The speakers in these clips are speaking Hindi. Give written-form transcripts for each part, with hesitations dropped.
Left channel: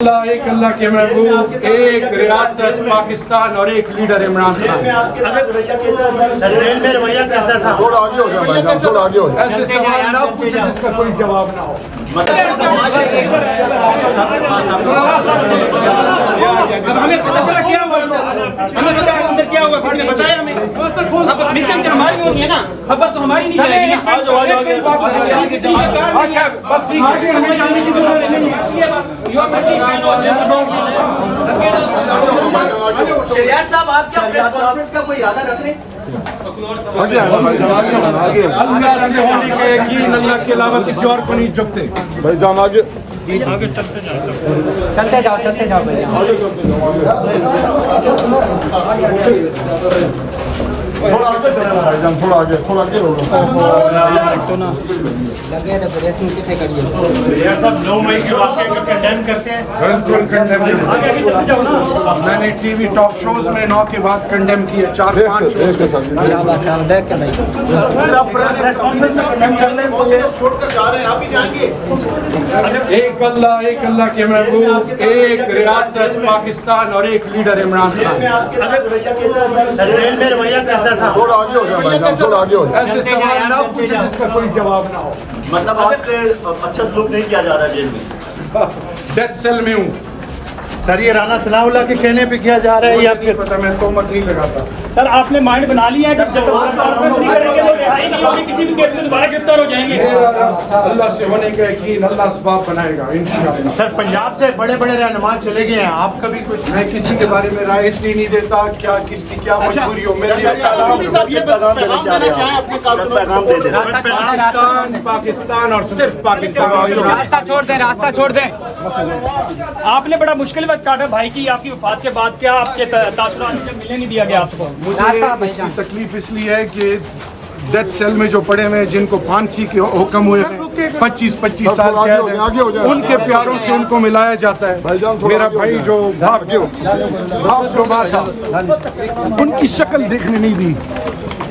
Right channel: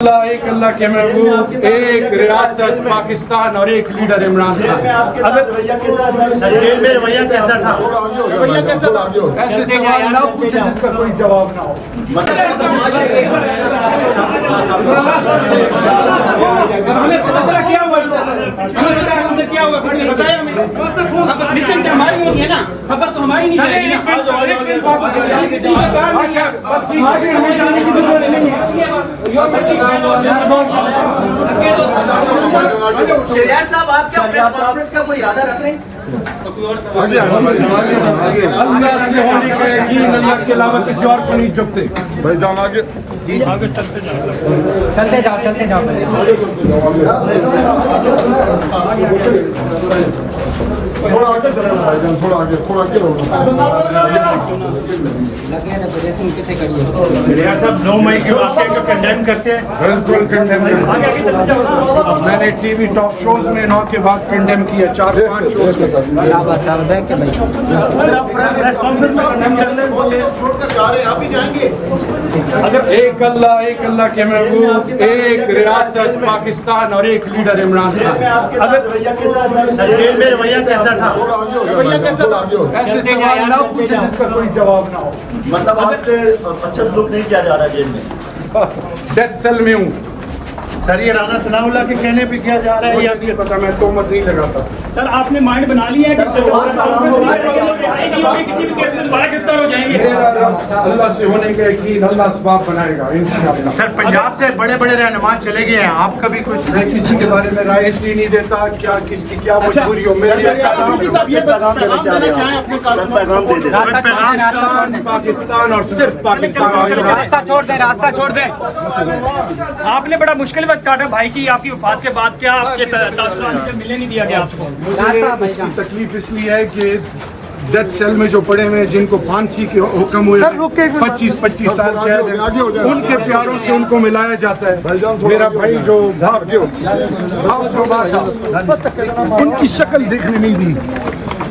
एक अल्लाह के महबूब, एक रियासत पाकिस्तान और एक लीडर इमरान खान। जेल में रवैया कैसा था? थोड़ा आगे हो गया भाईजान, थोड़ा आगे हो गया। ऐसे सवाल ना पूछे जिसका कोई जवाब ना हो। हमें पता चला क्या हुआ, हमें पता अंदर क्या हुआ, किसी ने बताया हमें? अब मिशन तो हमारी होनी है ना, खबर तो हमारी नहीं जाएगी ना। अच्छा बस आज हमें जाने की जरूरत नहीं है। शरियात साहब, आप क्या प्रेस कॉन्फ्रेंस का कोई इरादा रख रहे हैं? अल्लाह से होने का यकीन, अल्लाह के अलावा किसी और को नहीं झुकते। भाईजान आगे चलते जाओ भैया। थोड़ा आगे चले ना भाईजान, थोड़ा आगे रहो। लगे ना प्रेस में कितने कड़ी है? सब 9 मई के वाक़े को कंडेम करते हैं। बिल्कुल कंडेम किया। मैंने टीवी टॉक शोज में 9 के बाद कंडेम किया, 4-5 शोज के साथ। देख के भाई छोड़कर जा रहे हैं, आप ही जाएंगे? एक अल्लाह के महबूब, एक रियासत पाकिस्तान और एक लीडर इमरान खान। जेल में रवैया कैसा था? थोड़ा आगे हो गया भाईजान, थोड़ा आगे हो गया। ऐसे सवाल ना पूछे जिसका कोई जवाब ना हो। मतलब आपसे अच्छा सलूक नहीं किया जा रहा जेल में? डेथ सेल में हूँ सर, ये राना सनाउल्लाह के कहने पे किया जा रहा है या ये पता, मैं तोमत नहीं लगाता। सर आपने माइंड बना लिया है कि किसी भी केस में दोबारा गिरफ्तार हो जाएंगे। अल्लाह से होने का यकीन, अल्लाह असबाब बनाएगा इंशाअल्लाह। सर, पंजाब से बड़े बड़े रहनुमा चले गए हैं, आपका भी कुछ? मैं किसी के बारे में राय इसलिए नहीं देता क्या किसकी क्या मजबूरी हो। मेरी पाकिस्तान और सिर्फ पाकिस्तान। रास्ता छोड़ दें, रास्ता छोड़ दें। आपने बड़ा मुश्किल वक्त काटा भाई की, आपकी वफात के बाद क्या आपके तासुरात मिलने नहीं दिया गया आपको? मुझे इसकी तकलीफ इसलिए है कि डेथ सेल में जो पड़े हुए हैं, जिनको फांसी के हुक्म हुए हैं, 25-25 साल कैद है, उनके प्यारों से उनको मिलाया जाता है। मेरा भाई जो भाग जो था, उनकी शक्ल देखने नहीं दी।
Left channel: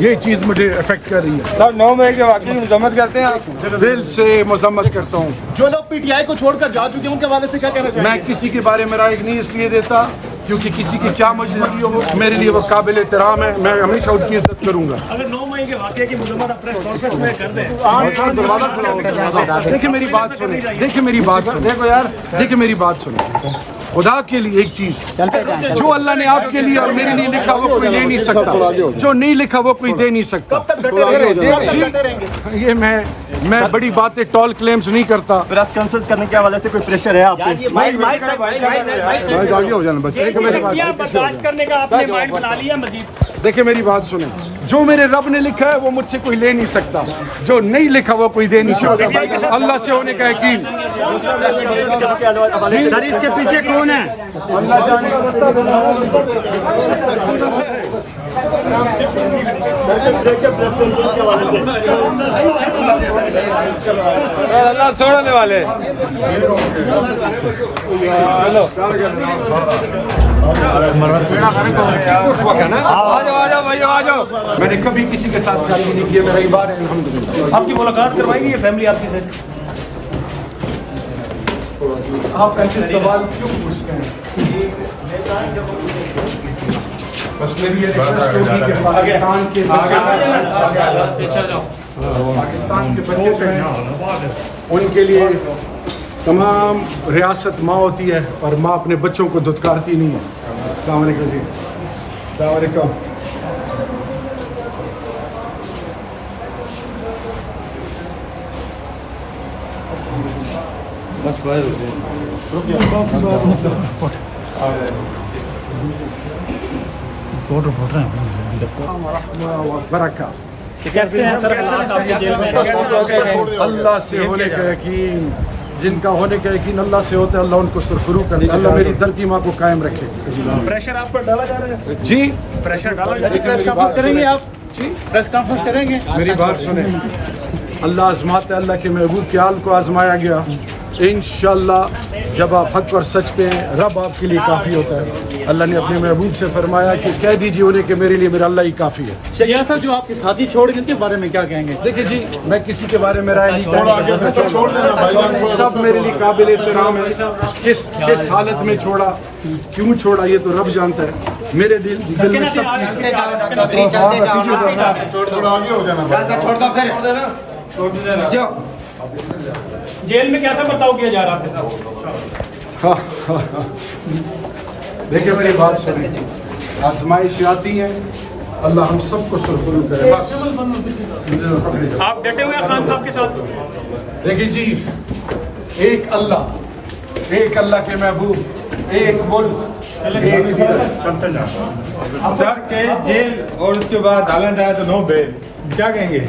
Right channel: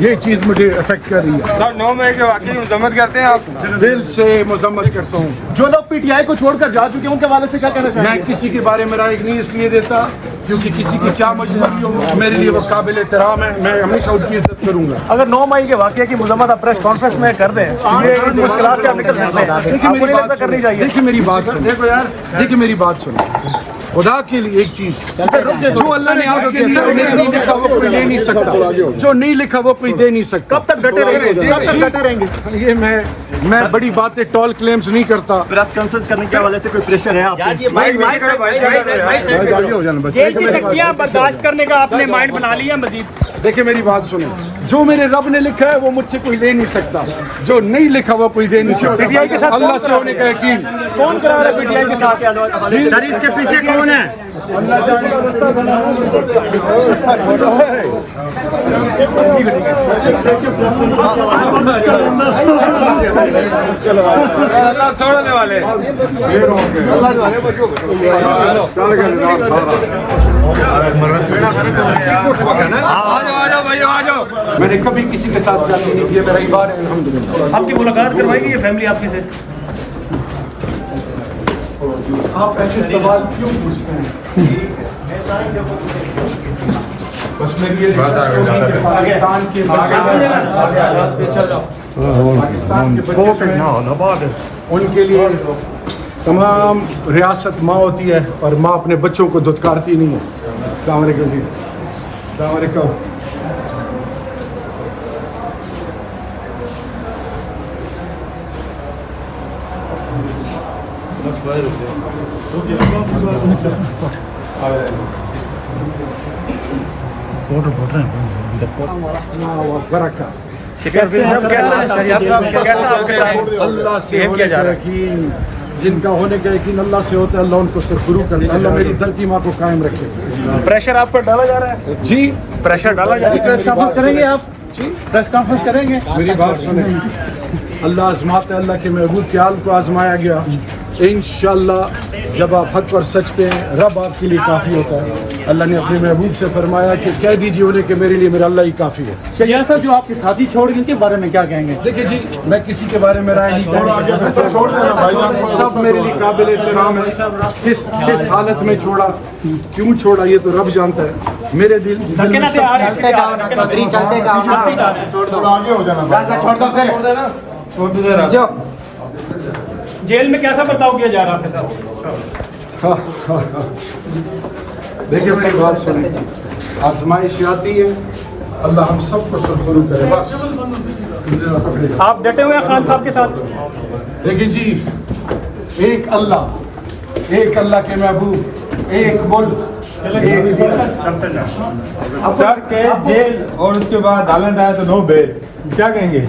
ये चीज़ मुझे अफेक्ट कर रही है। सर 9 मई के वाकई मजम्मत करते हैं आप? दिल से मजम्मत करता हूँ। जो लोग पीटीआई को छोड़कर जा चुके हैं उनके हवाले से क्या कहना चाहिए? मैं किसी के बारे में राय नहीं इसलिए देता क्योंकि किसी की क्या मजबूरी हो, मेरे लिए वो काबिल एहतराम है। मैं हमेशा उनकी इज्जत करूंगा। अगर 9 मई के वाकये की मजम्मत आप प्रेस कॉन्फ्रेंस में कर दें, मुश्किलात से आप निकल जाएंगे। देखिए मेरी बात सुनिए, देखिए मेरी बात सुनिए। खुदा के लिए एक चीज, जो अल्लाह ने आपके लिए और मेरे लिए लिखा वो कोई ले नहीं सकता, जो नहीं लिखा वो कोई दे नहीं सकता। ये मैं बड़ी बातें टॉल क्लेम्स नहीं करता। प्रेस कॉन्फ्रेंस करने के हवाले से कोई प्रेशर है आपको? आगे हो जाना बच्चे। बर्दाश्त करने का आपने माइंड बना लिया मजीद? देखिए मेरी बात सुने, जो मेरे रब ने लिखा है वो मुझसे कोई ले नहीं सकता, जो नहीं लिखा वो कोई दे नहीं सकता। अल्लाह से होने का यकीन। सर, इसके पीछे कौन है? अल्लाह जाने का रास्ता अल्लाह छोड़ने वाले। मैंने कभी किसी के साथ शादी नहीं की, मेरा इबार है अल्हम्दुलिल्लाह। आपकी मुलाकात करवाएगी ये फैमिली आपकी से? आप ऐसे सवाल क्यों पूछते हैं? बस मेरी ये रिक्वेस्ट होगी कि पाकिस्तान के बच्चे, पाकिस्तान के बच्चे उनके लिए तमाम रियासत माँ होती है और माँ अपने बच्चों को धुतकारती नहीं है। अस्सलाम वालेकुम जी। अस्सलाम वालेकुम। अल्लाह से होने का यकीन, जिनका होने का यकीन अल्लाह से होता है, अल्लाह उनको सुरखरू करता है। अल्लाह मेरी धरती माँ को कायम रखे। प्रेशर आप पर डाला जा रहा है? जी प्रेशर डाला जा रहा है। मेरी बात करेंगे आप जी, प्रेस कॉन्फ्रेंस करेंगे? मेरी बात सुने। अल्लाह आजमाता है, अल्लाह के महबूब के हाल को आजमाया गया। इंशाअल्लाह जब आप हक और सच पे हैं, रब आपके लिए काफ़ी होता है। अल्लाह ने अपने महबूब से फरमाया कि कह दीजिए उन्हें कि मेरे लिए मेरा अल्लाह ही काफ़ी है। शहजाद साहब, जो आपके साथी छोड़ गए उनके बारे में क्या कहेंगे? देखिए जी, मैं किसी के बारे में राय नहीं थोड़ा आगे कहूँगा, छोड़ देना भाईजान। सब मेरे लिए काबिल एहतराम है। किस हालत में छोड़ा, क्यों छोड़ा, ये तो रब जानता है। मेरे दिल में सब चीज़ थोड़ा आगे हो जाना। छोड़ दो फिर। जेल में कैसा बर्ताव किया जा रहा था सर? देखिए मेरी बात सुने, आजमाइश आती है, अल्लाह हम सबको सुरखरू करे। बस आप डटे हुए हैं खान साहब के साथ? देखिए जी, एक अल्लाह के महबूब, एक मुल्क, एक सर के जेल और उसके बाद हालन आया तो नो बेल, क्या कहेंगे?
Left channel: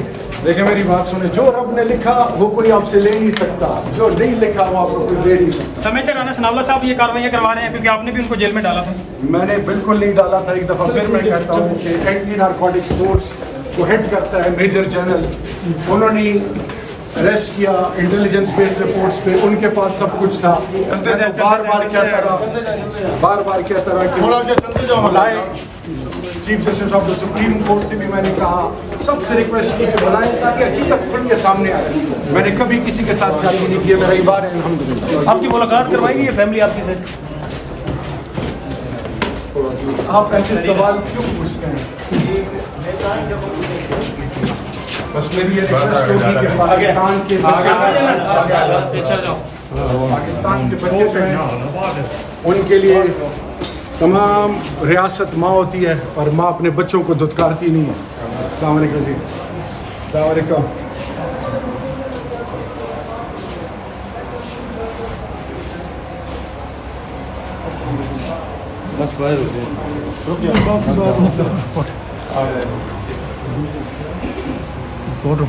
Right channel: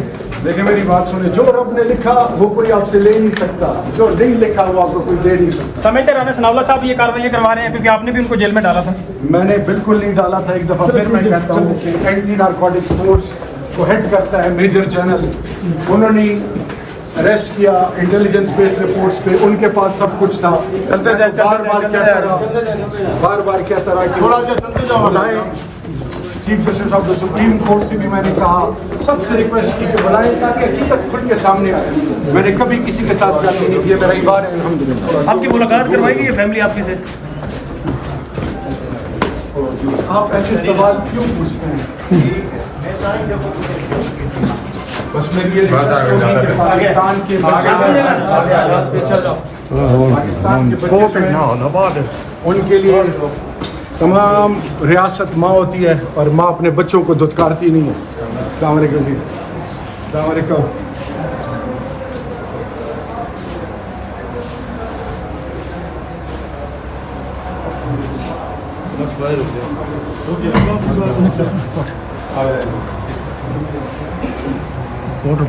देखिए मेरी बात सुने, जो रब ने लिखा वो कोई आपसे ले नहीं सकता, जो नहीं लिखा वो आपको कोई दे नहीं सकता। समेत राणा सनावला साहब ये कार्रवाई करवा रहे हैं क्योंकि आपने भी उनको जेल में डाला था। मैंने बिल्कुल नहीं डाला था। एक दफ़ा फिर मैं कहता हूँ कि एंटी नारकोटिक्स फोर्स को हेड करता है मेजर जनरल, उन्होंने अरेस्ट किया इंटेलिजेंस बेस्ड रिपोर्ट्स पे, उनके पास सब कुछ था। बार बार कहता रहा कि थोड़ा आगे चलते जाओ। बुलाए, chief justice of the supreme court से भी मैंने कहा, सबसे रिक्वेस्ट की कि बुलाएं ताकि हकीकत खुल के सामने आए। मैंने कभी किसी के साथ ज्यादती नहीं की, मेरा इबार है अल्हम्दुलिल्लाह। आपकी मुलाकात करवाएंगे ये फैमिली आपकी से? आप ऐसे सवाल क्यों पूछते हैं? बस मेरी ये रिक्वेस्ट होगी कि पाकिस्तान के बच्चे, पाकिस्तान के बच्चे उनके लिए तमाम रियासत माँ होती है और माँ अपने बच्चों को धुतकारती नहीं है। अस्सलाम वालेकुम जी, अस्सलाम वालेकुम। फोटो